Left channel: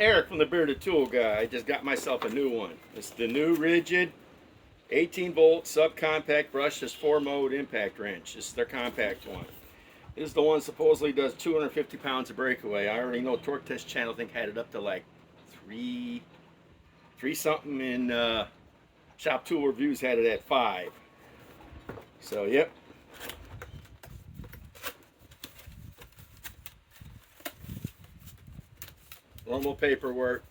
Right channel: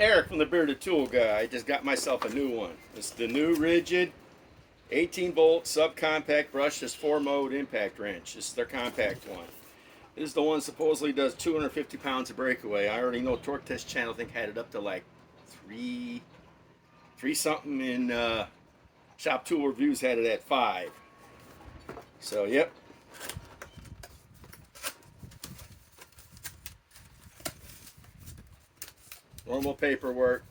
Eric from the Bearded Tool Guy. I just got myself a new one. It's the new RIDGID 18-volt subcompact brushless 4-mode impact wrench. This is their compact one. This is the one supposedly does 250 pounds of breakaway. I already know Torque Test Channel, I think, had it up to like three something, in Shop Tool Reviews had it at 5. So, yep. Normal paperwork.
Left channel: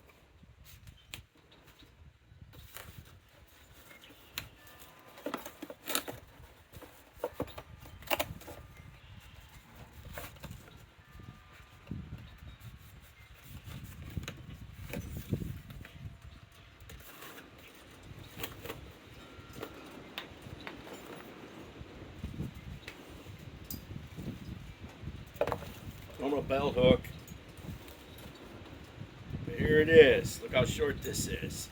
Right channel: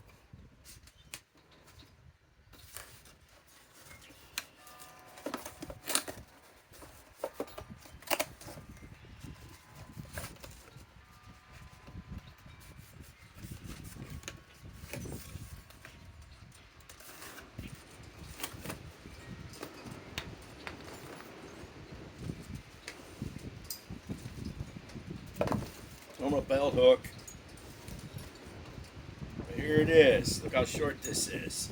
Normal bell hook. Here it is. Look how short this is.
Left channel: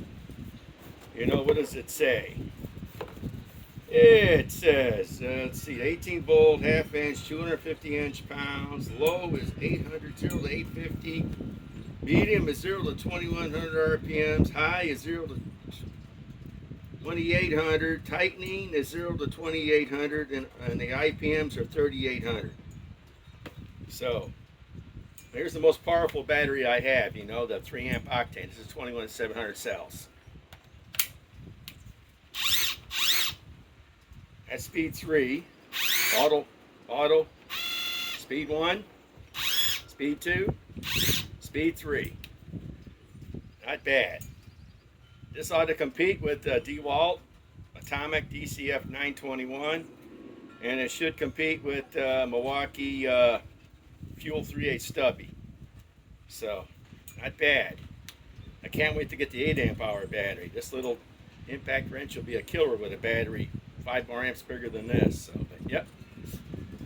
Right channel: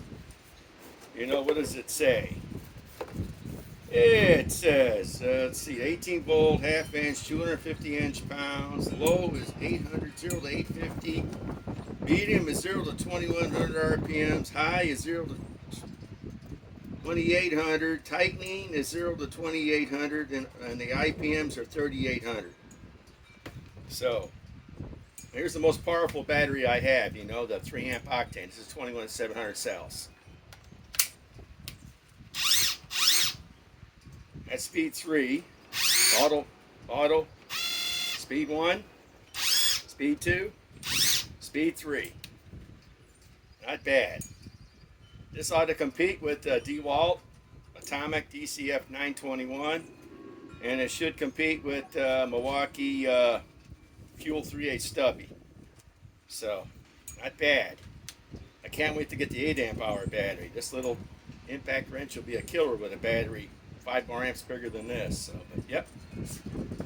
You know, what does it say? It says, let's see, 18 volt, half inch, 250 inch-pounds. Low is 800, 0 to 850. Medium is 0 to 2100 RPMs. High is 0 to 2800. Tightening is 0 to 2800. And the IPMs are 3800. So, here's the most powerful battery I have, you know, the 3 amp octane. This is 21700 cells. At speed 3, auto, speed 1, speed 2, speed 3. Not bad. This ought to compete with DEWALT ATOMIC DCF 921, and it should compete with Milwaukee Fuel 3/8 stubby. So, not bad. I can't wait to get the 8 amp hour battery. This little impact wrench will be a killer with a battery 5 more amps bigger than this. So, but yep,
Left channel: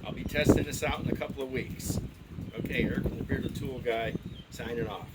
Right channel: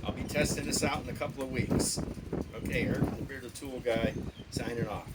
I'll be testing this out in a couple of weeks. Okay, Eric from the Bearded Tool Guy, signing off.